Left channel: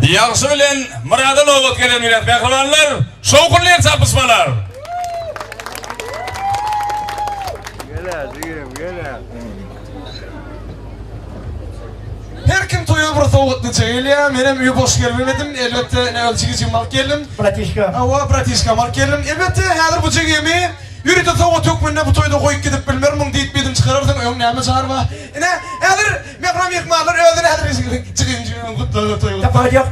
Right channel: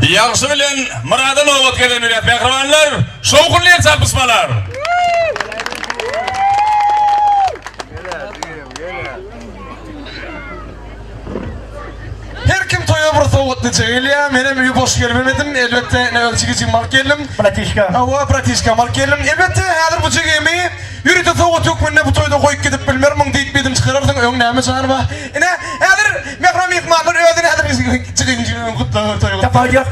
Yaxşı bilen Muradan oğut gelen millet kahramanlar, şovkunlar çarpışmalar. Her kim toya bir soğutlu çeğiliyor. Benim üye boş gelmedim. Elbette ne ölçügü mark geldim. Pratişka. Hava pratişka mark geldim. Elbette hazır bu çeğimi. Yürüte soğut yok mu ne bu toyda koyup gidip bilmiyorum. Deyip bedim çıkarırdın. Ön neyme çağır var. Yine hazır mekram yıkmalar. Ödür hazır çıkın kutlu toyu. Tapağı yok.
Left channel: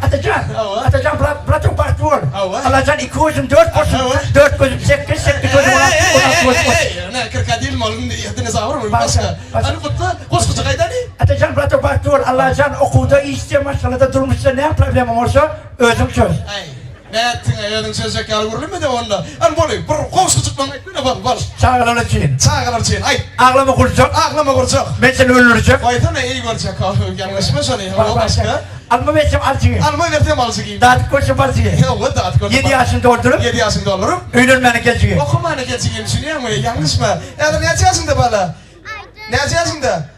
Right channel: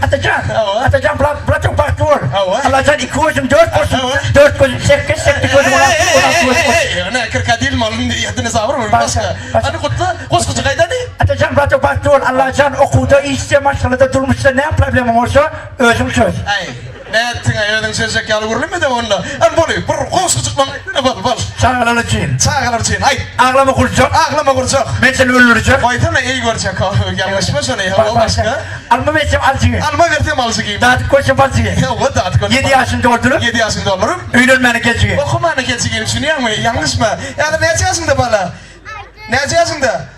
Atacan pratik başlıyor. Hava. Alacan 2 gözüm 4 gözüm. 4 gözüm 8 gözüm 16 gözüm. Ne kırka değil mi oğlum? Yediniz ağır mı? Başka. Hani kutlu. Koskoca kayda ne? Atacan pratik başlıyor. Alacan okuda işte maçlarda durmuşsa ne problemim olsa özüm söz. Ay. Ne ettin ayağının sözcük yalı vurulur mu da onda? An bolu, bu koskoca bana bal. Çağlar için. Çağlar için. Ay. Ağlama kuracak. Ağlama kuracak. Ben seni öldürecek. Koytana iyi görecek. Yanlış mı sana ya? Başka. Alma vereceğim alçıyı. Alma verdiğim alçıyı. Dağıtık koşum alçıyı. Ya o dağıtık koşum. 7 yaşında doldurup. 7 yaşında olurum. Ünlülmeni geçiyor. Okumana geçeyim düşünüyor musun? Yanlış mı? Ya da ne yapacaksın da bana? Ne yapacaksın da?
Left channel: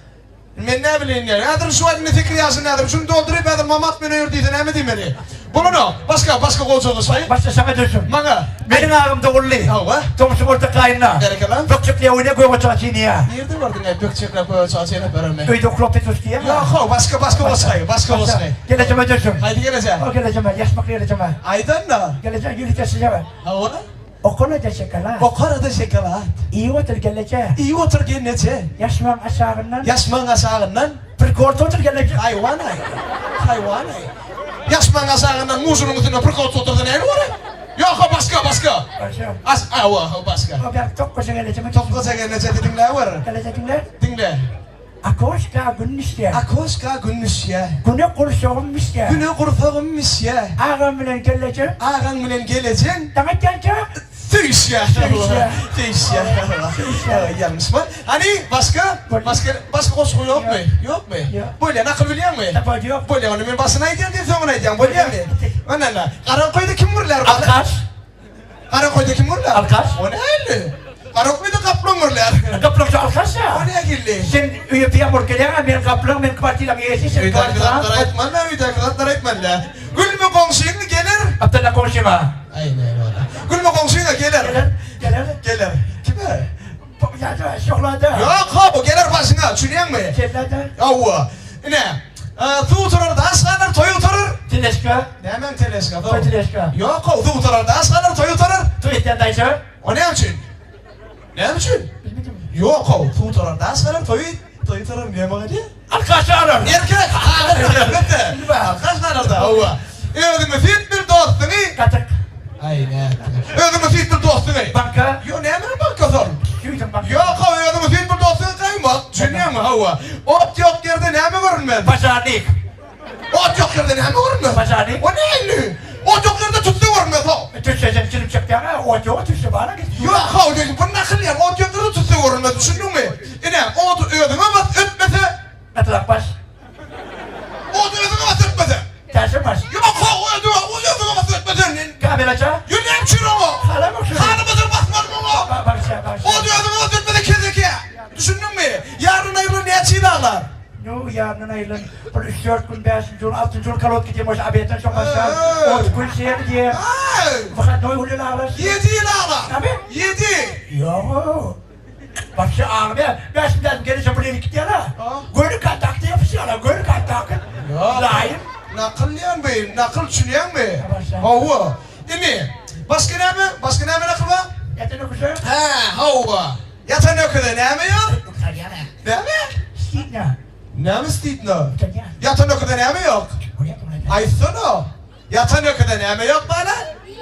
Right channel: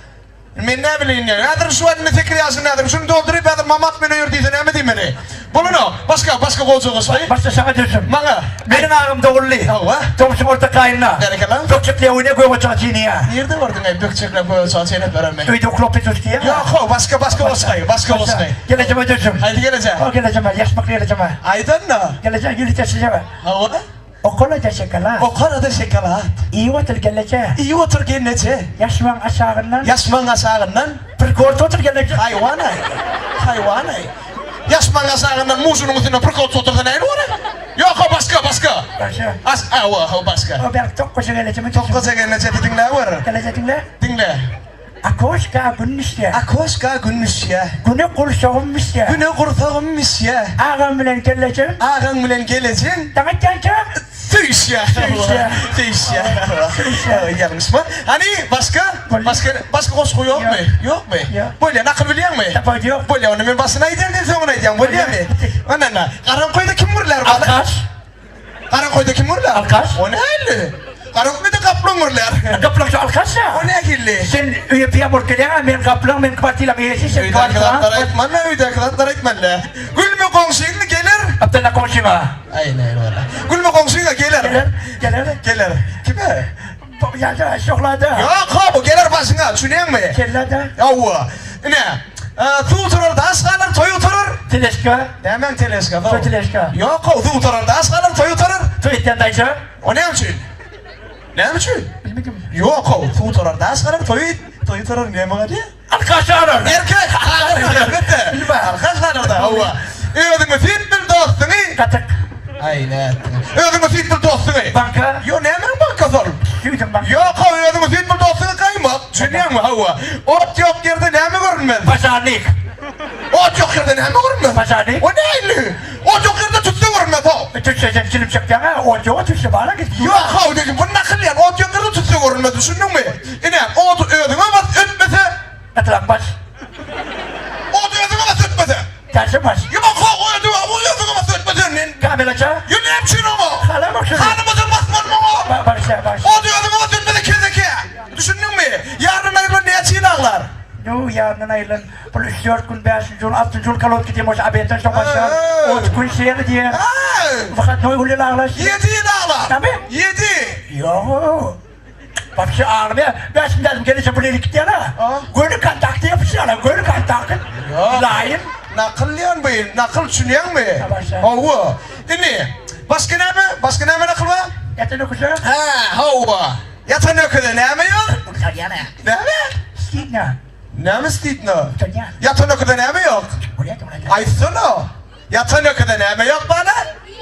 Ben ne bileyim ya. Adır şu adını fikri yazın adır. Şunu doldurup adır mamat beni ördüydü. Ne mi diyeyim beni? Bunu ne? Başka kolcuğumuz var. Başta sana diyorsun. Bana. Benim ağrım doğrulu. Hava. Tomsum orta kayınla. Nerede lan? Dökçükle oyuna koyma çağçını ya. Nerede vardın ay bökçekle böyle çağçayla beraber? Öyde klopet tutuyor ya. Yok başka başka. Geleceğim ödürsün. Haydi geleceğim. O geleceğim ben. Yaşmak geleceğim ben. Aydan ne? Geleceğim yürü taşıyacağım ben. Hava. Okula da şekala. O karada şekelat. İyi otur geleceğim. İyi otur gennece. Yaşman aşağından. Yaşman asağından. Bir kort otur geleceğim. Hayvan ay. Hayvan ay. Yaşman asağından muzunun üstüne bir kol oturdu ne var? Yok başka. Başka. Başka. O ben çok koşa geleceğim. Çok koca gennece dinle var. Geleceğim de. Dinle. Akoşka günmüş ya. Akoşka günmüş ya. Güne kurşağımmış ya. Güne kurtağımmış ya. Ağam bilen geleceğim. Ağan bilen geleceksin. Demek ki Tüş ya. Tüş ya. Yanlış mı? Hani başka koşku yok mu? Yok mu? Böyle nakıl biliyor mu? Tabii yok. Böyle onu ben basına edeyim de sonra edeyim. Böyle mi? Ana. Karankoy'da kim vururlar? Alkaş. Karankoy'da kim vururlar? Alkaş. O ne öyle? Karankoy'da kaplan vururlar. Kaplan şu alkaş ya. O ne girli? Sen üye piyamur gelen ben kaplan ben partiyle bir yesi sen Uyda kıratlara etmenle, uyda kıratlara etmenle. Gül mü komşuyla gelir? Abdullah konuşma. Aynen öyle. Gül mü komşuyla gelir? Gelir. Kime? Ya şokladı. Yok bu gelir başına, düşünüyor musun? Kellada. Yavva. Ne? Tu oturur da aslanır, toy oturur. Teleska. Hemen teleska. Toy teleska. Yok tu oturur da aslanır, toy oturur. Toy itendaysa. O ne için? Ne için? Bilmiyorum. Yok tu oturur da aslanır, toy oturur. Ne bu hadi? Alkaş arar. Erkek. Elbette. Arkadaş var da. Yavva. Ödün mü fit bir dostunu? Katık. Aynen. Ödün mü fit bir dostunu? Banka. Yo ne hemen banka sor. Yüzüm banka. Yok ödün mü fit bir dostunu kaymak. Düşünüyor musun hava? Ot yok yerde ne mi görünmez? Pazarlık. Ot yok yerde ne mi görünmez? Pazarlık. O neyli? Ot yok yerde tuttu görünmez o. Tütsüzen çilip çıktı ama o tütsü bana gitti. Yok ha dedim bu nakıl yani ot yok yerde tuttu görünmez düşündün mü? Yine ot ödün ama ötmese. Atılak baş. Ot ödün ama ötmese. Tersi baş. Yok ha o ödün ama ötmese. Kabel aça. You ne yapıyorsun o? Hala bakıyorum. Hanımızın basman mı o? Baş. O diyor adamı ötmese kezeke. Düşündün mü? Yarın ayrılan diye çiğnağlar. Yo yarın ayrılan. Polis 4 gün 5 gün 6 gün kalot gidiyor. Boş abiyetten çok aşağı. 10 gün şehir diye. Fakat ne oluyor ağlar? 7 yılağlar. Tabii. 7. Yo. Bak şu ağlamaya. Ben şimdi dedim gelirse buraya gitti ya. Gönlü kontakta yapışıyor. Gönlü kontakta. Layın. Nakıllayan beyim. Nakıl düşünüyen mi? Başa. Hava. Dinle. Başka ne mi? Başka ne mi nakıl var? Yatın okuşu. Hava. Yatan okuda ne mi yok? İtalyana. Ne mi? Stina. Ne mi stitno? İtalyan. Yatan okuda ne mi yok? Oraya da. Ay sana. Yatan okuda ne mi yok bana?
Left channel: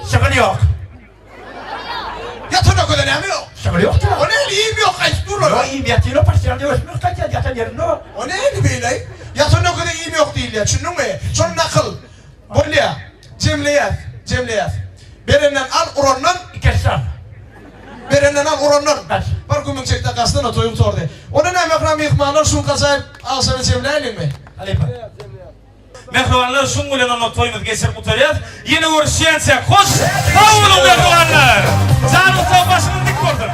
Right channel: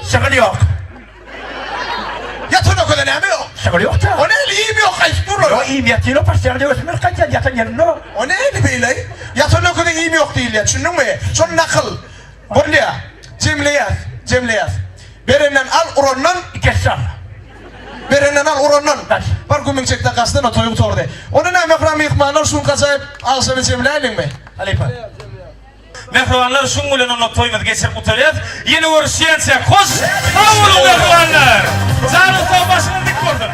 Sıkıntı yok. Yatan okuda ne mi yok? Sıkıntı yok da. O ne iyi mi yok? Ay dur Yo iyi bir yatıyla pasyal diyorsun. Kaç yatan yerinde o. O neydi böyle? Yatan okuda iyi mi yok değil ya. Düşündün mü? Son nakıl. Böyle ya. Cemleyat. Berenden al urondan. Kessal. Berenden al urondan. Kaç. Var gümün çekte kastın o toyup tordu. Onu ne mekram yıkmanlar şun kasayıp alsa ve cemleyelim mi? Aleypa. Mehruanlar şungulen onu toymaz geçip utarıyat. Yeni uğraşıyansa koş. Avulun mehruanlar. Canı başını dik vurdun.